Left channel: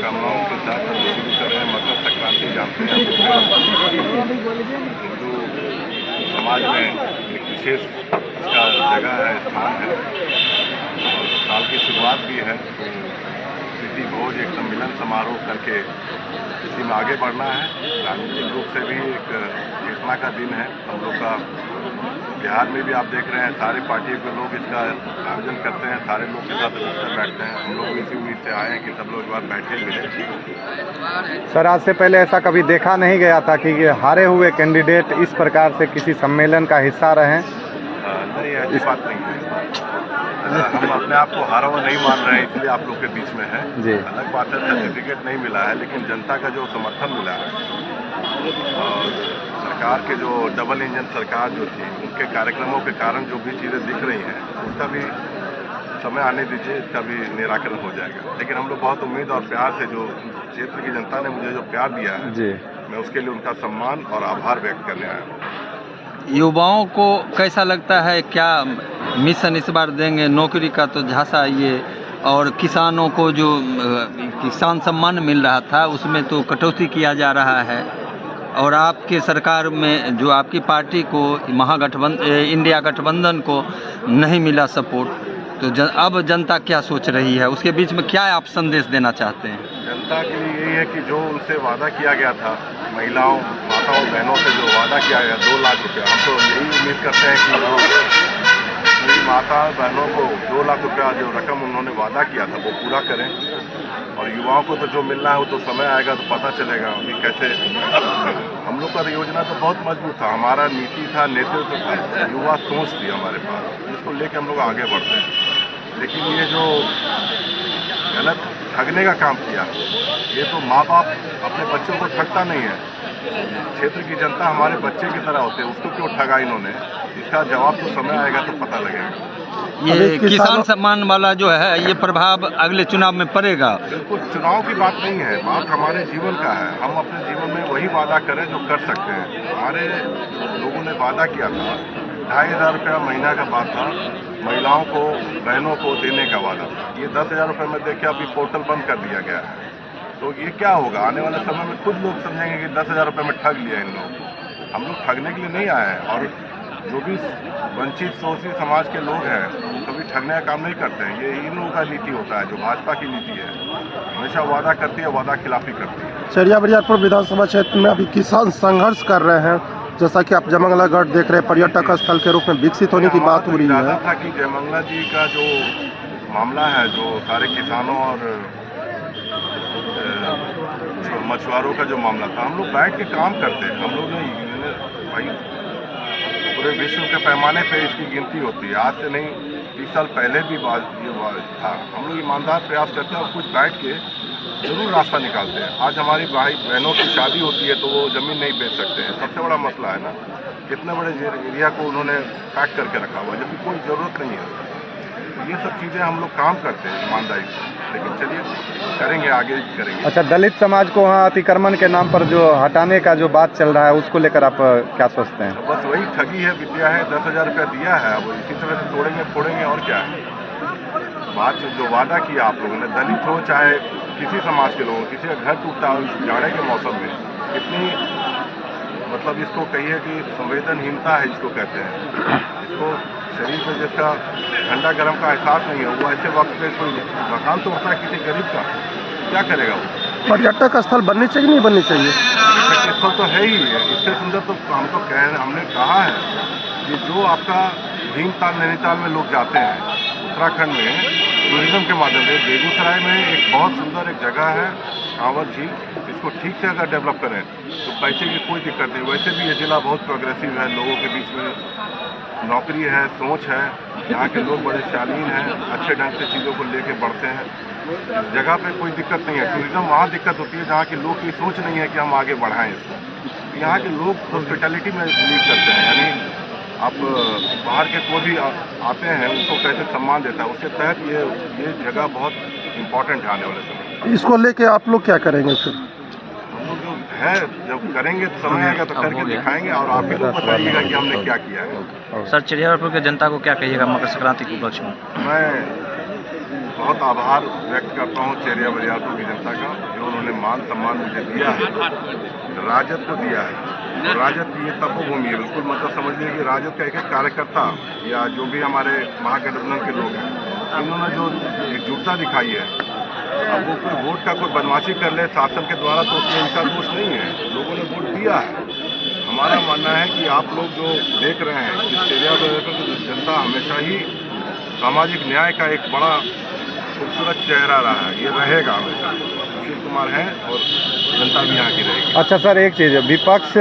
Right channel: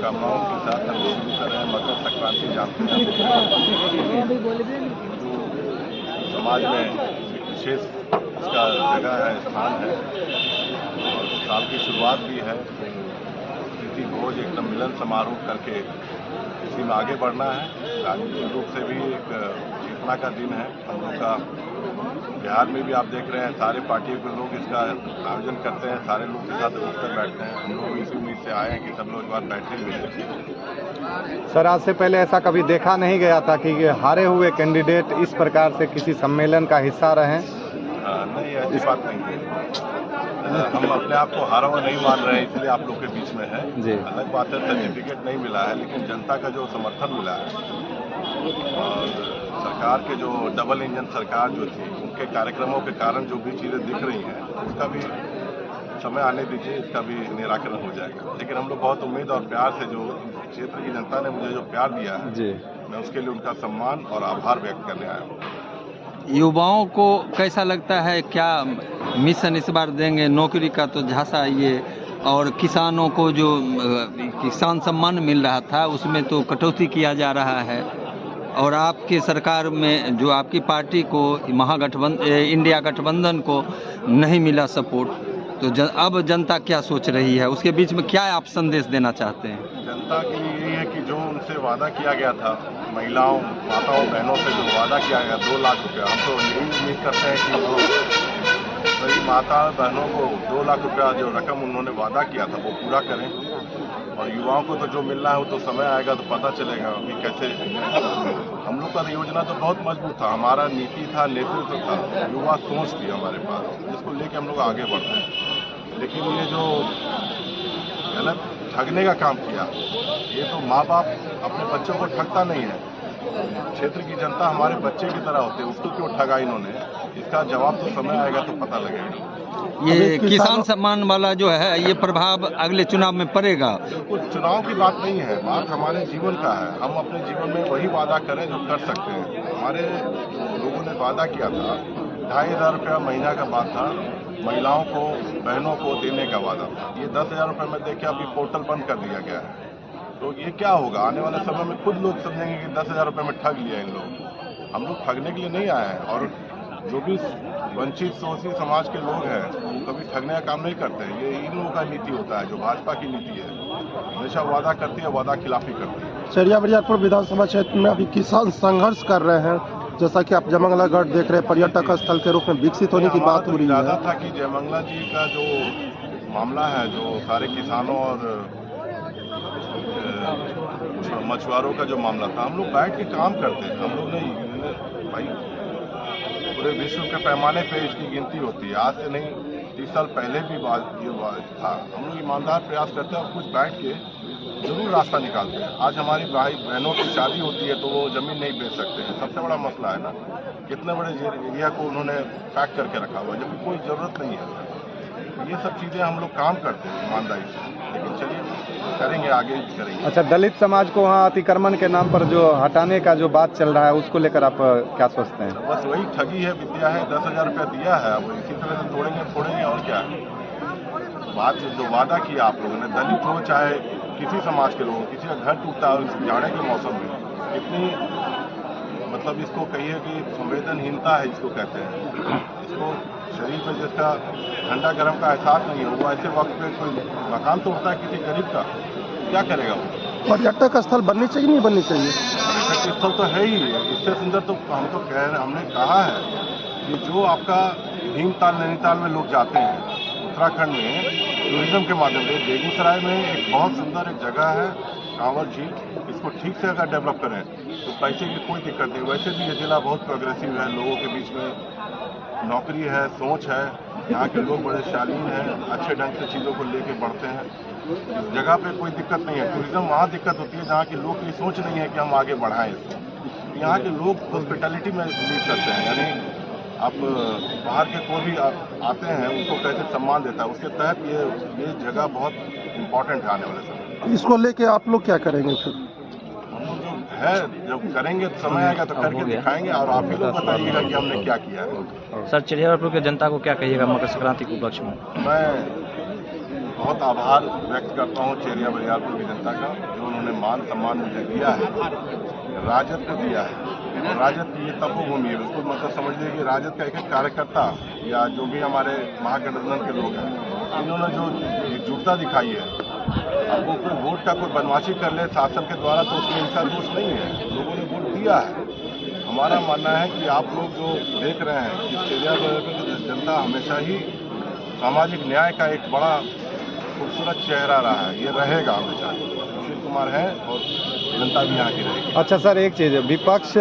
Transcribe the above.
कामनाओं के साथ हम शुरू कर रहे हैं। मकर संक्रांति जानते हैं हिंदू समाज में एक विशेष इसका जगह है, स्थान है और साल की शुरुआत भी है। तो प्रीति भोज एक सम्मिलन समारोह करके इसी में आगे बढ़ना है। राजनीतिक रूप से भी एक चेतना का दिन है हम लोग का। बिहार में भी आप देख रहे हैं सारे पार्टियों के लोग इसका आयोजन करते हैं, सारे लोग के साथ उठकर बैठते हैं। हम लोग इसी उम्मीद से आए हैं कि सब लोग इस बार बैठे मिले। सर, आज से पहले ऐसा कभी देखा नहीं गया था कि हारे हुए कैंडिडेट इस प्रकार से किसी सम्मेलन का हिस्सा रहे। नहीं, ऐसी बात नहीं है। हम अपने आप को हारा हुआ नहीं मान रहे हैं, इसलिए आप लोग के बीच में है जी। अलग बात है सर्टिफिकेट नहीं मिला है, लेकिन जनता का जो समर्थन मिला है और सरकार के जो डबल इंजन सरकार जो थी उनके कार्यक्रमों के कारण जो भी चीज़ें दिख रही हैं उसका भी समय आने दीजिए, इसका भी निराकरण हो जाएगा। लेकिन हम लोग बहुत उम्मीद और प्यार से, जो क्षेत्र की जनता ने मुझे जो प्यार दिया है जी, मैं उसके लिए उनका सम्मान और आभार व्यक्त करने आया हूँ। युवाओं को कैसा लगता है, क्या मिशन इस बार देंगे? नौकरी का तो झांसा ये, और किसानों को जो किसान सम्मान मिल रहा था उसमें तो कटौती किया जा रहा है, और आपके सरकार में जो आपकी पार्टी को इंडिया गठबंधन को नहीं मिला सपोर्ट, तो अब जनता क्या सोच रही है, उसके बीच में क्या आप संदेश देना चाहते हैं? जनता के लिए यही है कि जो उनसे वादा किया गया था, महिलाओं, माताओं, बहनों से जो वादा किया गया 2 लाख रुपया, हम तो यही उम्मीद करते हैं कि वो मेरी माता बहनों को 2 लाख रुपया जो रकम उन्होंने वादा किया था वो पूरा करें। और युवाओं को तो जो मिलना है वो तो समय आएगा तो पता चलेगा अभी कैसे। हम लोग का योजना तो बहुत मजबूत था, हमारा नीति था, नेतृत्व था, युवा सोच थी हमारे पास, जिसको लेके हम लोग आगे बढ़ते हैं। लेकिन ये जो गलत ठगने का काम किया, ये तो माँ बाप अपने बच्चों को ठगता नहीं है। क्षेत्र की जनता हमारे बच्चे की तरह होते हैं, उसको क्यों ठगा इन्होंने, इसका जवाब तो समय आएगा तो पता लगेगा। ये किसान सम्मान वाला जो है ये प्रभाव अगले चुनाव में पड़ेगा? बिल्कुल, चुनाव की बात नहीं है, बात हमारे जीवन का है। हम अपने जीवन में वही वादा करें जो कर सकते हैं। हमारे लोगों ने वादा किया था, 2500 रुपया महीना का बात था, महिलाओं को, बहनों को देने का वादा था। ये 10,000 रुपये में देखिए अभी पोर्टल बंद कर दिया गया है। तो ये क्या होगा, आने वाले समय में खुद लोग समझेंगे कि 10,000 रुपये में ठग लिया इन लोगों को। हम लोग ठगने के लिए नहीं आए हैं, और जो भी वंचित शोषित समाज के लोग हैं वो कभी ठगने का काम नहीं करते हैं। ये इन लोगों का नीति होता है, जो भाजपा की नीति है, हमेशा वादा करती है, वादा खिलाफी करती है। चरिया बरियारपुर विधानसभा क्षेत्र में अभी किसान संघर्ष कर रहे हैं, जैसा कि आप जयमंगला गढ़ देख रहे हैं, पर्यटक स्थल के रूप में विकसित होने की बात हो रही है। था कि जयमंगला जी का जो मामला है, जो सारे किसानों और मछुआरों का जो मामला था, हम लोग बैठ के काम करते हैं। हम लोग ने भाई पूरे विश्व के पैमाने पे इसकी गिनती होती है, आज से नहीं 30 साल पहले भी ये था। हम लोग ईमानदार प्रयास करते हैं और कुछ बैठ के जरूर रास्ता निकालते हैं। आज हमारी भाई बहनों की शादी होती है तो वो ज़मीन नहीं बेच सकते हैं, सबसे बड़ा मसला है ना। कितने बड़े एरिया को उन्होंने पैक करके रखा हुआ है जबकि कोई ज़रूरत नहीं है। ये सब चीज़ें हम लोग काम करते हैं ईमानदारी से, लेकिन चलिए करेंगे, आगे करेंगे। अच्छा, दलित समाज को वहाँ अतिक्रमण के नाम पर जो हटाने का जो बात चल रहा है उसको लेकर आप क्या सोचते हैं? बस वही ठगी है, विद्या है। 10,000 रुपया दिया है, अब इसी तरह से तोड़ेंगे फोड़ेंगे, और क्या है। बात जो वादा किया आप लोगों ने, दलित हो चाहे किसी समाज के लोग, किसी का घर टूटता हो इस जाड़े के मौसम में, कितनी मतलब इसको कहिए कि संवेदनहीनता है, इसको कहते हैं। इसको शरीर में जिसका ठंडा गर्म का एहसास नहीं है, वो ऐसे वक्त पे कोई मकान तोड़ता है किसी गरीब का, क्या करेगा वो? पर्यटक स्थल बननी चाहिए नहीं बननी चाहिए? पर्यटक स्थल तो है ही है, इससे सुंदर तो हम तो कह रहे, हमने कहा है कि जो आपका भीमताल नैनीताल में लोग जाते हैं उत्तराखंड में टूरिज्म के माध्यम से, बेगूसराय में एक बहुत सुंदर एक जगह है कांवर झील, इसको ठीक से अगर डेवलप करें तो पैसे की कोई दिक्कत नहीं। वैसे भी ये जिला बहुत प्रोग्रेसिव है, लोगों के बीच में नौकरी है, सोच है, यहाँ के लोग बड़े शालीन हैं, अच्छे ढंग से चीज़ों को लेके बढ़ते हैं। इस जगह पे कोई दिक्कत नहीं है। टूरिज्म वहाँ दिक्कत होती है जहाँ के लोग की सोच नहीं है कि हम आगे बढ़ाएं इसको। यहाँ के लोग हॉस्पिटैलिटी में बिलीव करते हैं, यानी आप बाहर के कोई भी आते हैं उनको कैसे सम्मान देता है, उसके तहत ये जगह बहुत इम्पोर्टेंट है आने वाले समय। इसको लेके आप लोग क्या करेंगे फिर? हम लोग जो है जब करेंगे तो समय आएगा तो करके दिखाएंगे, और आप ही लोग बताइएगा कि हमने क्या किया है। सर, चिड़ियाघर की जनता को क्या कहिएगा मकर संक्रांति के उपलक्ष्य में? मैं बहुत आभार व्यक्त करता हूँ चेरिया बरियारपुर की जनता का, जो उन्होंने मान सम्मान मुझे दिया है, राजद को दिया है। और राजद की ये तपोभूमि है, बिल्कुल मतलब समझ लीजिए कि राजद का एक एक कार्यकर्ता या जो भी हमारे महागठबंधन के लोग हैं, इन्होंने जो एकजुटता दिखाई है, अब वो कोई वोट का कोई बदमाशी कर ले शासन के द्वारा तो उसमें इनका दोष नहीं है, लोगों ने वोट दिया है। हमारा मानना है कि आप लोग जो देख रहे हैं कि चेरिया बरियारपुर की जनता हमेशा ही सामाजिक न्याय का एक बड़ा खूबसूरत चेहरा रहा है, ये रहेगा हमेशा। सुशील कुमार है और जनता भी यहाँ की रहेगी। अच्छा सर, एक चीज़, विपक्ष